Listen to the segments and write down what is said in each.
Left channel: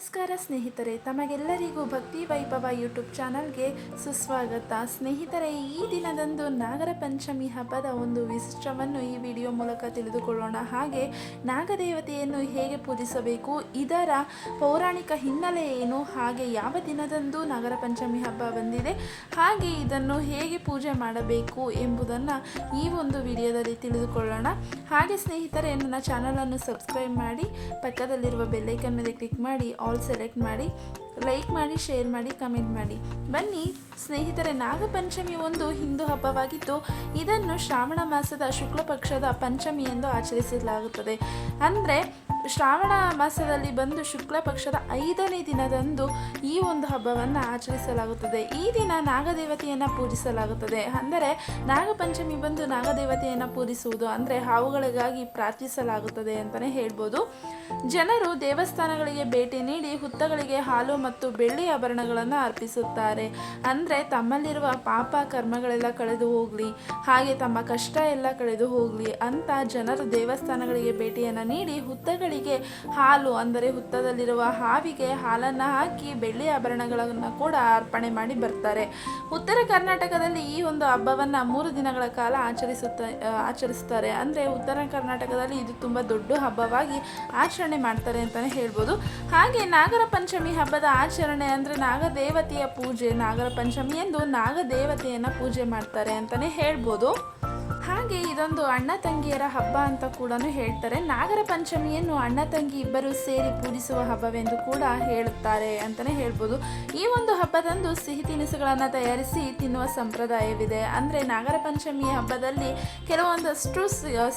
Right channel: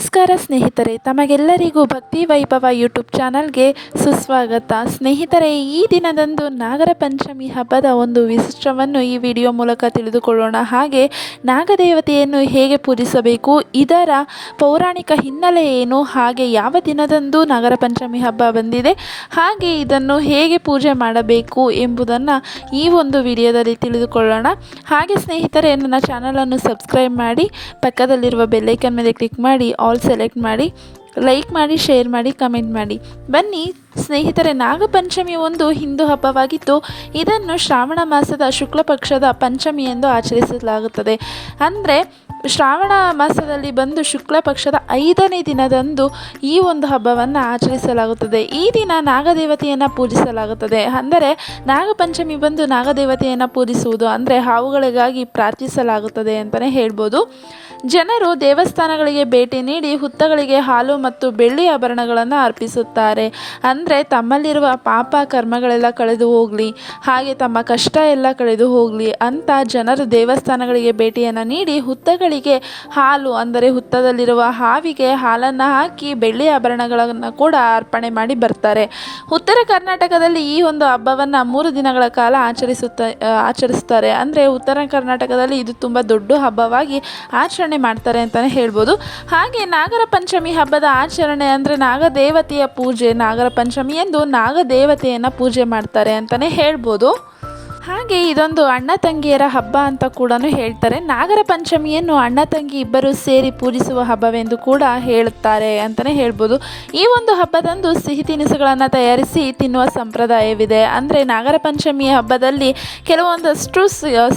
ನಮಸ್ಕಾರ ಸ್ನೇಹಿತರೆ, ತಮಗೆಲ್ಲರಿಗೂ ಭಕ್ತಿ ವೈಭವ ಯೂಟ್ಯೂಬ್ ಚಾನಲ್ಗೆ ಸುಸ್ವಾಗತ. ಸ್ನೇಹಿತರೆ, ಈ ದಿನದಂದು ನಾಗರ ಪಂಚಮಿ ಹಬ್ಬದ ಒಂದು ವಿಶಿಷ್ಟವನ್ನು ಈ ವಿಡಿಯೋ ಮೂಲಕ ತಿಳಿದುಕೊಳ್ಳೋಣ. ಹಾಗೆ ನಾಗದೇವತೆಯನ್ನು ಹೇಗೆ ಪೂಜಿಸಬೇಕು, ಇದರ ಪೌರಾಣಿಕ ಹಿನ್ನೆಲೆ ಏನು, ಹಾಗೆ ಯಾವ ದಿನದಂದು ನಾಗರ ಪಂಚಮಿ ಹಬ್ಬ ಬಂದಿದೆ, ಹಾಗೆ ಇದನ್ನು ಹೇಗೆ ಪೂಜೆ ಮಾಡಬೇಕು ಎಂಬುದನ್ನು ಈ ಒಂದು ವಿಡಿಯೋದಲ್ಲಿ ತಿಳಿದುಕೊಳ್ಳೋಣ. ಹಾಗೆ ಸ್ನೇಹಿತರೆ, ನನ್ನ ಚಾನಲನ್ನು ಸಬ್ಸ್ಕ್ರೈಬ್ ಮಾಡಿ, ಪಕ್ಕದಲ್ಲಿರುವ ಬೆಲ್ಲೈಕನ್ ಮೇಲೆ ಕ್ಲಿಕ್ ಮಾಡಿ ಆಲ್ ಸೆಲೆಕ್ಟ್ ಮಾಡಿ ಲೈಕ್ ಮಾಡಿ ಶೇರ್ ಮಾಡಿ ಕಮೆಂಟ್ ಮಾಡಿ. ಬನ್ನಿ, ಸ್ನೇಹಿತರೆ, ನಾಗಪಂಚಮಿ ಒಂದು ಹಿಂದೂ ಹಬ್ಬವಾಗಿದ್ದು, ಇದನ್ನು ಶ್ರಾವಣ ಮಾಸದ ಶುಕ್ಲ ಪಕ್ಷದ ಪಂಚಮಿ ಎಂದು ಆಚರಿಸಲಾಗುತ್ತದೆ. ಅಂದರೆ ಶ್ರಾವಣ ಮಾಸದಲ್ಲಿ ಬಂದು ಶುಕ್ಲ ಪಕ್ಷದ ಐದನೇ ದಿನದಂದು ಈ ಒಂದು ಹಬ್ಬವನ್ನು ಆಚರಿಸಲಾಗುತ್ತದೆ. ಈ ದಿನ ನಾಗದೇವತೆಯನ್ನು ಪೂಜಿಸಲಾಗುತ್ತದೆ. ಅಂದರೆ ನಾಗಪಂಚಮಿ ಬಂದು ನಾಗದೇವತೆಯನ್ನು ಪೂಜಿಸುವುದು ಅಂದರೆ ಹಾವುಗಳಿಗಾಗಿ ಪ್ರಾರ್ಥಿಸಲಾಗುತ್ತದೆ ಅಂತಲೇ ಹೇಳ್ಬೋದು. ಜನರು ದೇವಸ್ಥಾನಗಳಿಗೆ ಭೇಟಿ ನೀಡಿ ಹುತ್ತಗಳಿಗೆ ಹಾಲು ಮತ್ತು ಬೆಳ್ಳಿ ಆಭರಣಗಳನ್ನು ಅರ್ಪಿಸುತ್ತಾರೆ. ಅಂದರೆ ತಮ್ಮಲ್ಲಿರುವ ಪಾಪ ಕರ್ಮಗಳೆಲ್ಲ ಕಳೆದು ಹೋಗಲಿ, ಹಾಗೆ ತಮ್ಮ ಕಷ್ಟ ಎಲ್ಲ ಕಳೆದು ಹೋಗಲಿ ಅಂತ ಜನರು ದೇವಸ್ಥಾನಗಳಿಗೆ ಭೇಟಿಯನ್ನು ನೀಡಿ ಹುತ್ತಗಳಿಗೆ ಹಾಲು, ಅಂದರೆ ಹುತ್ತದಲ್ಲಿರುವ ಹಾವಿಗೆ ಹಾಲನ್ನು ಹಾಕಿ ಬೆಳ್ಳಿ ಆಭರಣಗಳನ್ನು ಕೂಡ ಅರ್ಪಣೆ ಮಾಡಿ ಬರ್ತಾರೆ. ಉತ್ತರ ಕರ್ನಾಟಕದಲ್ಲಿ ಈ ಒಂದು ಹಬ್ಬವನ್ನು ಮೂರು ದಿನಗಳ ಕಾಲ ಆಚರಿಸುತ್ತ ಆಚರಿಸ್ತಾರೆ. ಅಂದರೆ ಉತ್ತರ ಕರ್ನಾಟಕದಲ್ಲಿ ಇದು ತುಂಬ ದೊಡ್ಡ ಹಬ್ಬವಾಗಿ ಆಚರಣೆ ಮಾಡ್ತಾರೆ ಅಂತಲೇ ಹೇಳ್ಬೋದು. ಹಾಗೆ ನಾಗರ ಪಂಚಮಿ ಹಬ್ಬದ ಆಚರಣೆ ಅಂದರೆ ನಾಗದೇವತೆಯ ಪೂಜೆ, ನಾಗರ ಪಂಚಮಿ ಎಂದು ನಾಗದೇವತೆಯನ್ನು ಪೂಜೆ ಮಾಡ್ತಾರೆ ಅಂತಲೇ ಹೇಳ್ಬೋದು. ಹಾಗೆ ಇದೊಂದು ಅಣ್ಣ ತಂಗಿಯರ ಹಬ್ಬ ಅಂತ ಕೂಡ ಹೇಳ್ತಾರೆ. ನಾಗರ ಪಂಚಮಿಯನ್ನು ಅಣ್ಣ ತಂಗಿ ಇಬ್ಬರು ಸೇರಿ ಪೂಜಿಸುವ ಹಬ್ಬವೆಂದು ಕೂಡ ಹೇಳುತ್ತಾರೆ ಅಂತಲೇ ಹೇಳ್ಬೋದು. ಈ ಒಂದು ಹಬ್ಬದಂದು ಸಿಹಿ ತಿನಿಸುಗಳನ್ನು ತಯಾರಿಸಿ ತಿನ್ನುವ ಸಂಪ್ರದಾಯವಿದೆ. ಅಂದರೆ ನಾಗರ ಪಂಚಮಿಯ ಹಬ್ಬದಲ್ಲಿ ಕೆಲವೊಂದಷ್ಟು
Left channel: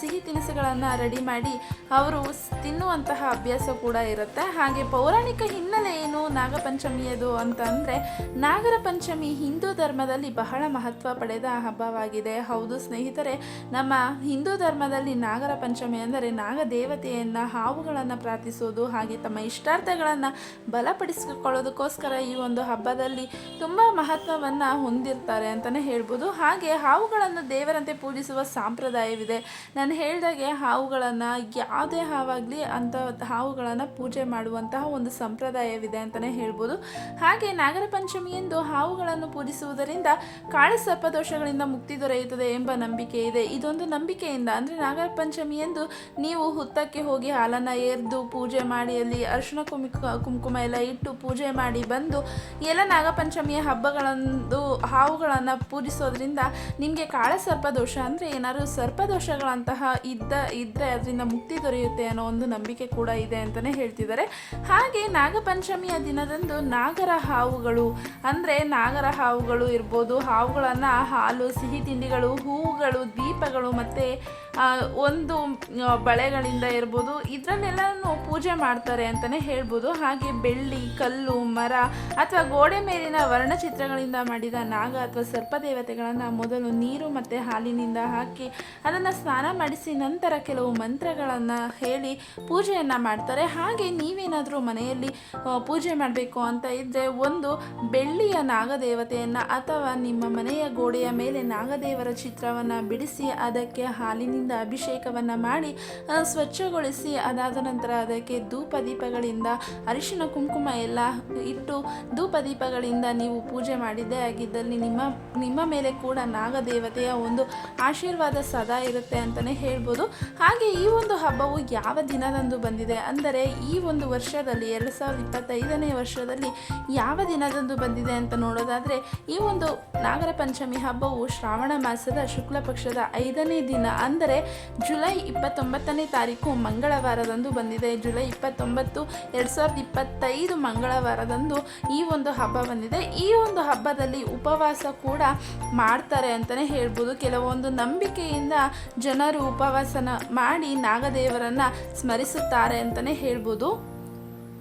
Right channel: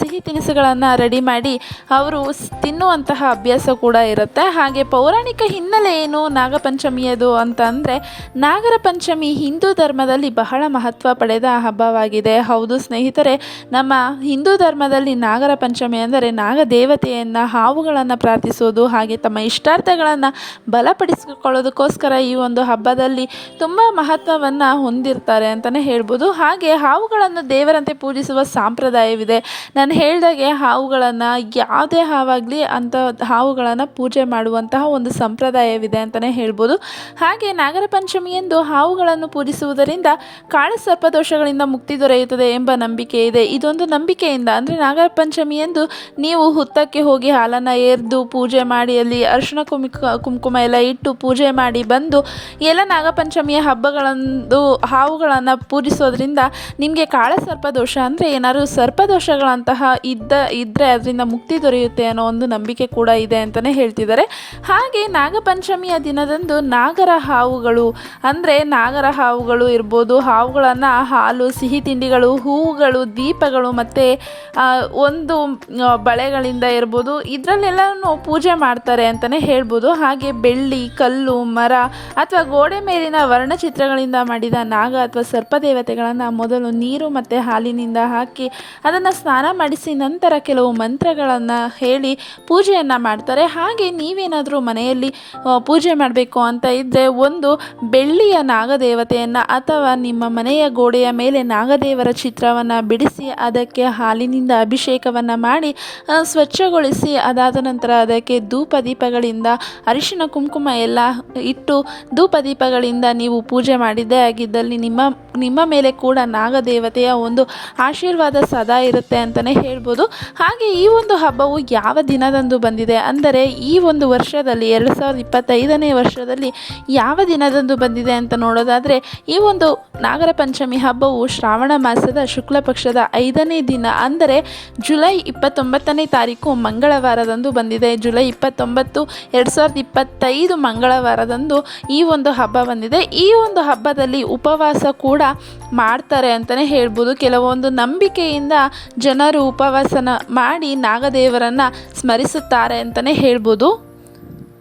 ಸಿಹಿ ತಿನಿಸುಗಳನ್ನು ರೆಡಿ ಮಾಡಿ ಅವರು ತಿನ್ನುವಂತಹ ಅಭ್ಯಾಸ ಕೂಡ ಇರುತ್ತೆ. ಹಾಗೆ ಪೌರಾಣಿಕ ಹಿನ್ನೆಲೆ ಏನು ನಾಗಪಂಚಮಿಯದು ಅಂತ ಅಂದರೆ ನಾಗರ ಪಂಚಮಿ ಹಿಂದೂ ಧರ್ಮದಲ್ಲಿ ಬಹಳ ಮಹತ್ವ ಪಡೆದ ಹಬ್ಬವಾಗಿದೆ. ಹೌದು ಸ್ನೇಹಿತರೆ ನಮ್ಮ ಹಿಂದೂ ಧರ್ಮದಲ್ಲಿ ನಾಗರ ಪಂಚಮಿ ಅಂದರೆ ನಾಗದೇವತೆಯನ್ನು ಹಾವುಗಳನ್ನು ಪ್ರಾರ್ಥಿಸೋದು ಹಾಗೆ ತಮ್ಮ ಇಷ್ಟಾರ್ಥಗಳನ್ನು ಬಲಪಡಿಸಿಕೊಳ್ಳೋದಕ್ಕೋಸ್ಕರ ಈ ಒಂದು ಹಬ್ಬದಲ್ಲಿ ತುಂಬ ಮಹತ್ವವನ್ನು ಹೊಂದಿರ್ತಾರೆ ಅಂತಲೇ ಹೇಳ್ಬೋದು. ಹಾಗೆ ಹಾವುಗಳನ್ನು ದೇವರಂತೆ ಪೂಜಿಸುವ ಸಾಂಪ್ರದಾಯವಿದೆ. ನಾನು ಹೇಳಿದಾಗೆ ಹಾವುಗಳನ್ನು ಯಾವುದೇ ಹಾವಾಗಲಿ ಅಂತ ಹಾವುಗಳನ್ನು ಪೂಜೆ ಮಾಡುವಂತಹ ಒಂದು ಸಂಪ್ರದಾಯವಿದೆ ಅಂತಲೇ ಹೇಳ್ಬೋದು. ಹಾಗೆ ನಾಗರ ಪಂಚಮಿಯಂದು ಹಾವುಗಳನ್ನು ಪೂಜಿಸುವುದರಿಂದ ಕಾಳಿ ಸರ್ಪದೋಷಗಳಿಂದ ಮುಕ್ತಿ ದೊರೆಯುತ್ತದೆ ಎಂಬ ನಂಬಿಕೆ ಇದೆ. ಇದೊಂದು ನಂಬಿಕೆಯಿಂದ, ಅಂದರೆ ನಾಗರ ಪಂಚಮಿಯಂದು ನೀವು ಹುತ್ತಕ್ಕೆ ಹೋಗಿ ಹಾಲನ್ನು ಎರೆದು ಪೂಜೆ ಮಾಡಿ, ಅಲ್ಲಿ ಅರಿಶಿಣ ಕುಮಿಕ, ಕುಂಕುಮ ಎಲ್ಲ ಇಟ್ಟು ಪೂಜೆ ಮಾಡಿ ಬಂದು, ಎಲ್ಲ ನಾಗಪಂಚಮಿಯ ಹಬ್ಬಗಳಂದು ಹಾವುಗಳನ್ನು ಪೂಜಿಸೋದ್ರಿಂದ ನಿಮಗೆ ಕಾಳ ದೋಷ, ಅಂದರೆ ಏನಾದರೂ ಸರ್ಪದೋಷಗಳಂತಹ ಇದ್ದ ಇದ್ದರೆ ಅದರಿಂದ ಮುಕ್ತಿ ದೊರೆಯುತ್ತೆ ಅನ್ನೋ ಒಂದು ನಂಬಿಕೆ ಕೂಡ ಇದೆ ಅಂತಲೇ ಹೇಳ್ತಿದ್ದಾರೆ. ಹಾಗೆ ನಾಗಪಂಚಮಿಯ ದಿನದಂದು ನಾಗರ ಹಾವುಗಳು, ಅಂದರೆ ನಾಗರ ಹಾವುಗಳು ಇರ್ಬೋದು, ಹಾವುಗಳನ್ನು ಹಾಲು, ಸಿಹಿ ತಿಂಡಿಗಳು, ಹೂವುಗಳು ದೀಪಗಳು ಮತ್ತು ಒಂದು ಬಳೆಗಳಿಂದ ಇರ್ಬೋದು, ಇದರಲ್ಲೆಲ್ಲನೂ ಪೂಜೆ ಮಾಡ್ತಾರೆ ಅಂತಲೇ ಹೇಳ್ಬೋದು. ಹಾಗೆ ಬೆಳ್ಳಿ, ಕಲ್ಲು, ಮರ ಅಥವಾ ಗೋಡೆ ಮೇಲಿನ ವರ್ಣಚಿತ್ರಗಳಿಂದ ಮಾಡಿದ ನಾಗ ಅಥವಾ ಸರ್ಪದೇವತೆಗಳನ್ನು ಮೊದಲು ನೀರು ಮತ್ತು ಹಾಲಿನಿಂದ ಹಾಕಿ ಅದನ್ನು ಸ್ನಾನ ಮಾಡಿಸಿ ನಂತರ ಕೆಲವು ಮಂತ್ರಗಳನ್ನು ಹೇಳಿ ಪೂಜೆಯನ್ನು ಮಾಡ್ತಾರೆ. ಹಾಗೆ ನೀವೇನಾದರೂ ಮನೆಯಲ್ಲಿ ಪೂಜೆ ಮಾಡಬೇಕು ಅಂತ ಇದ್ದರೆ ಒಂದು ಬೆಳ್ಳಿಯ ನಾಗದೇವತೆಯನ್ನು ಅಥವಾ ನಿಮ್ಮ ಮನೆಯ ಗೋಡೆಯ ಮೇಲೆ ನಾಗದೇವರ ಚಿತ್ರವನ್ನು ಬಿಡಿಸಿ ಅದಕ್ಕೆ ಹಾಲಿನಿಂದ ಅಭಿಷೇಕವನ್ನು ಮಾಡಿ ಸ್ವಚ್ಛಗೊಳಿಸಿ, ಅದಾದ ನಂತರ ಅದಕ್ಕೆ ಧೂಪ ದೀಪಗಳಿಂದ ಅರಿಶಿನ, ಕುಂಕುಮ ಎಲ್ಲ ಇಟ್ಟು ಧೂಪ ದೀಪಗಳಿಂದ ನೀವು ಪೂಜೆ ಮಾಡಿದ್ದೇ ಆಗಿದ್ದಲ್ಲಿ ನಿಮ್ಮ ನಿಮ್ಮ ಮೇಲೆ ಕೂಡ ನಾಗದೇವತೆಯ ಒಂದು ಆಶೀರ್ವಾದ ಸದಾ ಇರುತ್ತೆ ಅಂತಲೇ ಹೇಳ್ಬೋದು. ಹಾಗೆ ಈ ಒಂದು ಹಬ್ಬವು ಯಾವ ದಿನದಂದು ಬಂದಿದೆ ಅಂದರೆ ಈ ಒಂದು ವರ್ಷದಲ್ಲಿ, ಎರಡು ಸಾವಿರದ ಇಪ್ಪತ್ತೈದನೇ ವರ್ಷದಲ್ಲಿ ಯಾವ ದಿನದಂದು ಬಂದಿದೆ ಅಂತ ನೋಡೋದಾದರೆ, ಈ ಒಂದು ನಾಗರ ಪಂಚಮಿ ಹಬ್ಬವು ಶ್ರಾವಣ ಮಾಸದ ಶುಕ್ಲ ಪಕ್ಷದ ಐದನೇ ದಿನ, ಅಂದರೆ ಜುಲೈ ಇಪ್ಪತ್ತೊಂಬತ್ತನೇ ತಾರೀಕು ಮಂಗಳವಾರದಂದು ಬಂದಿದೆ. ಜುಲೈ ಇಪ್ಪತ್ತೊಂಬತ್ತು, ಎರಡು ಸಾವಿರದ ಇಪ್ಪತ್ತೈದು ಮಂಗಳವಾರದಂದು ಈ ಒಂದು ಹಬ್ಬ ಬಂದಿದೆ. ಈ ಒಂದು ಹಬ್ಬದಲ್ಲಿ ಉಪವಾಸ ಕೂಡ ಮಾಡ್ತಾರೆ ಅಂತಲೇ ಹೇಳ್ಬೋದು. ಕೆಲವೊಂದು ನಂಬಿಕೆಯಿಂದ ಜನರು ಉಪವಾಸನ ಮಾಡಿ ನಾಗದೇವರನ್ನು ಸ್ಮರಿಸುತ್ತಾರೆ ಅಂತಲೇ ಹೇಳ್ಬೋದು.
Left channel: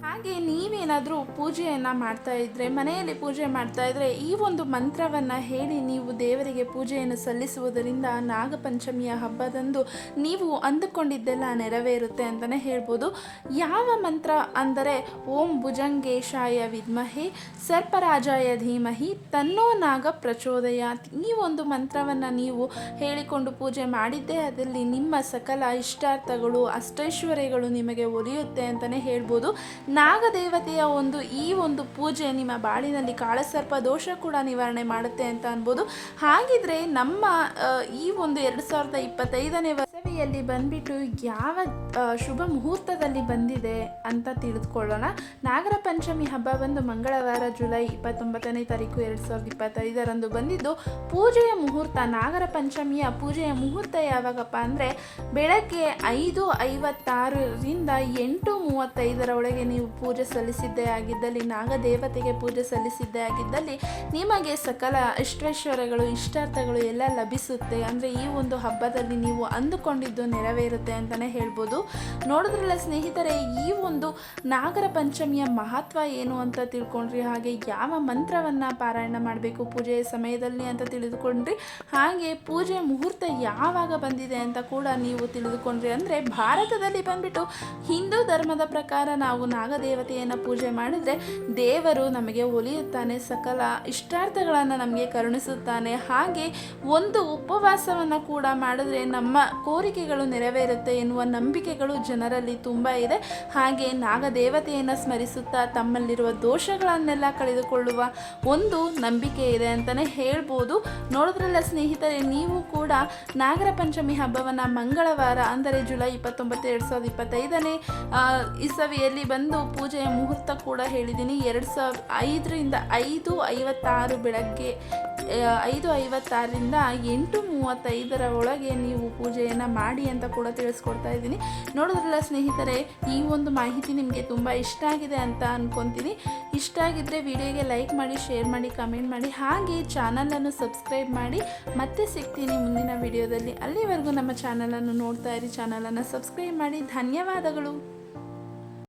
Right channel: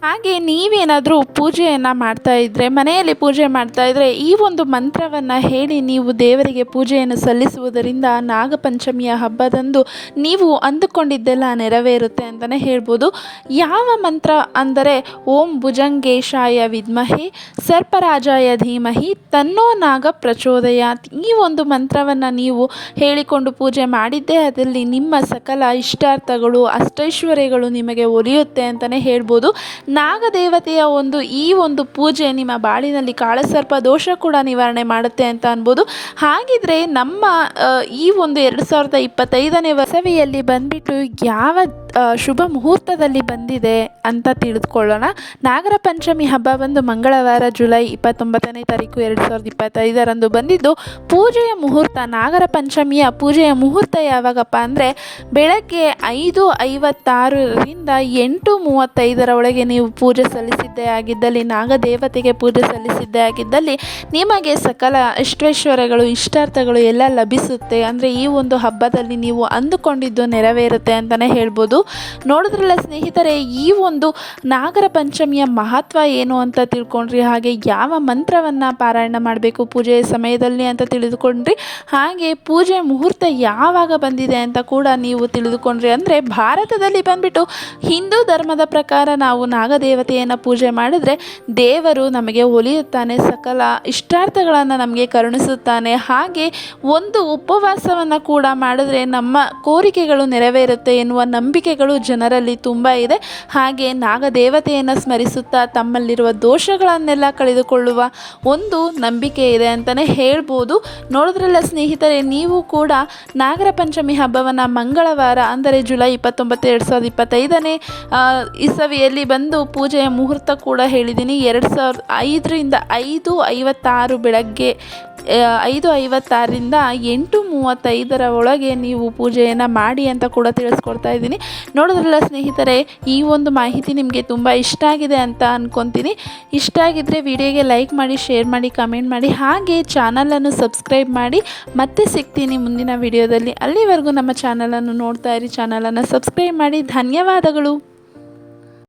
ಹಾಗೆ ನೀವೇನಾದರೂ ಪೂಜೆಯನ್ನು ಮಾಡ್ತಾ ಇದ್ದರೆ ಮನೆಯಲ್ಲಿ ಪೂಜೆ ಮಾಡ್ತಾ ಇದ್ದರೆ ಈ ಒಂದು ಮಂತ್ರವನ್ನು ಹೇಳಿ ನೀವು ದೇವರಿಗೆ ಪೂಜೆಯನ್ನು ಸಲ್ಲಿಸುವುದರಿಂದ ನಾಗಪಂಚಮಿಯ ಹಬ್ಬದಂದು ನೀವು ಅಂದುಕೊಂಡಿದ್ದೆಲ್ಲ ನೆರವೇರುತ್ತೆ ಅಂತಲೇ ಹೇಳ್ಬೋದು. ಯಾವ ಮಂತ್ರ ಅಂದರೆ, ಓಂ ಭುಜಂಗೇಶಾಯ ವಿದ್ಮಹಿ, ಸರ್ಪರಾಜಾಯ ಧೀಮಹಿ, ತನ್ನೋ ನಾಗ ಪ್ರಚೋದಯಾತ್. ಈ ಒಂದು ಮಂತ್ರವನ್ನು ನೀವು ಹೇಳಿಕೊಂಡು ಪೂಜೆ ಮಾಡಿದ್ದೇ ಅದರಲ್ಲಿ ನಿಮ್ಮ ಸಕಲ ಇಷ್ಟಾರ್ಥಗಳು, ಅಷ್ಟೈಶ್ವರ್ಯಗಳು ನಿಮಗೆ ಒಲಿಯುತ್ತೆ ಅಂತಲೇ ಹೇಳ್ಬೋದು. ನಾಗದೇವತೆಯ ಒಂದು ಈ ಒಂದು ಪೂಜೆ ನಿಮ್ಮ ಬಾಳಿನಲ್ಲಿ ಕಾಳಸರ್ಪ ದೋಷ ಕೂಡ ನಿವಾರಣೆ ಮಾಡುತ್ತೆ ಅಂತ ಅನ್ಬೋದು. ಹಾಗಿದ್ರೆ ನಮ್ಮ ಈ ಒಂದು ಎರಡು ಸಾವಿರದ ಇಪ್ಪತ್ತೈದನೇ ವಸವಿಯಲ್ಲಿ ಬಂದ್ಬಿಟ್ಟು ಯಾವ ಶುಭ ಮುಹೂರ್ತದಲ್ಲಿ ಬಂದಿದೆ ಅಂತ ತಿಳಿದುಕೊಳ್ಳೋಣ. ನಾಗರ ಪಂಚಮಿ ಹಬ್ಬ ಬಂದು ಮಂಗಳವಾರ ಜುಲೈ ಇಪ್ಪತ್ತೊಂಬತ್ತನೇ ತಾರೀಕು ಎರಡು ಸಾವಿರದ ಇಪ್ಪತ್ತೈದರಂದು ಬಂದಿದ್ದು, ಪೂಜೆಯ ಮುಹೂರ್ತ, ನಾಗರ ಪಂಚಮಿಯ ಪೂಜೆಯ ಮುಹೂರ್ತ ಯಾವಾಗಪ್ಪ ಅಂದರೆ ಬೆಳಗ್ಗೆ ಐದು ಐವತ್ತಾರರಿಂದ ಎಂಟು ಮೂವತ್ತೈದರ ಒಳಗೆ ನೀವು ಪೂಜೆ ಸಲ್ಲಿಸಿದ್ದೇ ಆಗಿದ್ದಲ್ಲಿ, ನಾಗದೇವತೆಗೆ ಪೂಜೆ ಸಲ್ಲಿಸಿದ್ದೇ ಆಗಿದ್ದಲ್ಲಿ ನಿಮಗೆ ಸಕಲ ಇಷ್ಟೈಶ್ವರ್ಯಗಳು ಇಷ್ಟಾರ್ಥಗಳು ಎಲ್ಲ ಲಭಿಸುತ್ತೆ. ಅಂದರೆ ಈ ಒಂದು ಹಬ್ಬದಲ್ಲಿ ನೀವು ಅಂದುಕೊಂಡಿದ್ದು ನೆರವೇರುತ್ತೆ ಅಂತಲೇ ಹೇಳ್ಬೋದು. ನೋಡಿದ್ರಲ್ಲ ಸ್ನೇಹಿತರೆ, ಈ ಒಂದು ನಾಗರ ಪಂಚಮಿಯ ಮಹತ್ವ ಏನು ಅಂತ ತಿಳ್ಕೊಂಡ್ರಿ? ಹಾಗೆ ಯಾವ ಮಂತ್ರವನ್ನು ಪಾರಾಯಣ ಮಾಡಬೇಕು ಪೂಜೆಯ ಸಮಯದಲ್ಲಿ ಅಂತ ತಿಳಿದುಕೊಂಡ್ರಿ? ಹಾಗೆ ಪೂಜೆ ಮುಹೂರ್ತ ಯಾವಾಗ ಬಂದಿದೆ ಅಂತ ಕೂಡ ನೀವು ತಿಳಿದುಕೊಂಡ್ರಿ. ಅಂದರೆ ಭಾರತದಲ್ಲಿ ಬಂದ್ಬಿಟ್ಟು ಹಿಂದೂ ಧರ್ಮದ ಪ್ರಕಾರ ನಾವು ನಾಗದೇವತೆಯನ್ನು ಪೂಜೆ ಮಾಡಿದ್ರೆ ದೇವರು ನಮಗೆ ಒಲಿಯುತ್ತಾನೆ, ಸಕಲ ಇಷ್ಟಾರ್ಥಗಳನ್ನು ನಮಗೆ ಕರುಣಿಸುತ್ತಾನೆ. ಹಾಗೆ ಒಂದು ಉಪವಾಸವನ್ನು ಕೂಡ ಮಾಡಿದ್ರೆ ನಮ್ಮ ಕೋರಿಕೆಗಳು ನೆರವೇರುತ್ತೆ ಎನ್ನುವ ನಂಬಿಕೆಗಳು ಜನರಲ್ಲಿ ತುಂಬ ಇದೆ. ಹಾಗೆ ನಾಗದೇವತೆಯನ್ನು ಸ್ಮರಿಸುತ್ತಾ ತಮ್ಮಲ್ಲಿರುವ ದೋಷಗಳನ್ನೆಲ್ಲ ಕಳೆದುಕೊಳ್ಳುವ ಒಂದು ನಂಬಿಕೆ ಇದೆ ಅಂತಲೇ ಹೇಳ್ಬೋದು. ನೋಡಿದ್ರಲ್ಲ ಸ್ನೇಹಿತರೆ, ನೀವು ಕೂಡ ನಾಗರ ಪಂಚಮಿ ಹಬ್ಬವನ್ನು ಮಂಗಳವಾರ, ಅಂದರೆ ಜುಲೈ ಇಪ್ಪತ್ತೊಂಬತ್ತು, ಎರಡು ಸಾವಿರದ ಇಪ್ಪತ್ತೈದನೇ ಇಸವಿಯಲ್ಲಿ ಬಂದು ಪೂಜೆಯ ಮುಹೂರ್ತ ಕೂಡ ಹೇಳಿದ್ದೀನಿ. ಎರಡು ಸಾವಿರದ ಐದರಿಂದ ಐದು ಐವತ್ತಾರು ಬೆಳಗ್ಗೆ ಐದು ಐವತ್ತಾರರಿಂದ ಎಂಟು ಮೂವತ್ತೈದರ ಒಳಗೆ ನೀವು ಪೂಜೆಯನ್ನು ಮಾಡಿ ಅಂತ ಕೂಡ ತಿಳಿಸ್ಕೊಡ್ತಾ ಇದ್ದೀನಿ. ನೋಡಿದ್ರಲ್ಲ ಸ್ನೇಹಿತರೆ, ಈ ಒಂದು ಮಾಹಿತಿ ನಿಮಗೆ ತುಂಬ ಇಷ್ಟ ಆಗಿದೆ ಅಂತ ಅಂದ್ಕೊತೀನಿ ಇಷ್ಟ ಆಗಿದ್ದರೆ ವಿಡಿಯೋಗೆ ಲೈಕ್ ಮಾಡಿ, ಶೇರ್ ಮಾಡಿ, ಕಮೆಂಟ್ ಮಾಡಿ, ಹಾಗೆ ಚಾನಲನ್ನು ಸಬ್ಸ್ಕ್ರೈಬ್ ಮಾಡಿ. ಮತ್ತೆ ಸಿಗ್ತೀನಿ ಮುಂದಿನ ವಿಡಿಯೋದಲ್ಲಿ. ಅಲ್ಲಿವರೆಗೂ ನಮ್ಮ ಚಾನಲನ್ನು ನೋಡ್ತಾ ಇರಿ, ಚಾನಲನ್ನು ಸಬ್ಸ್ಕ್ರೈಬ್ ಮಾಡಿ. ಧನ್ಯವಾದಗಳು.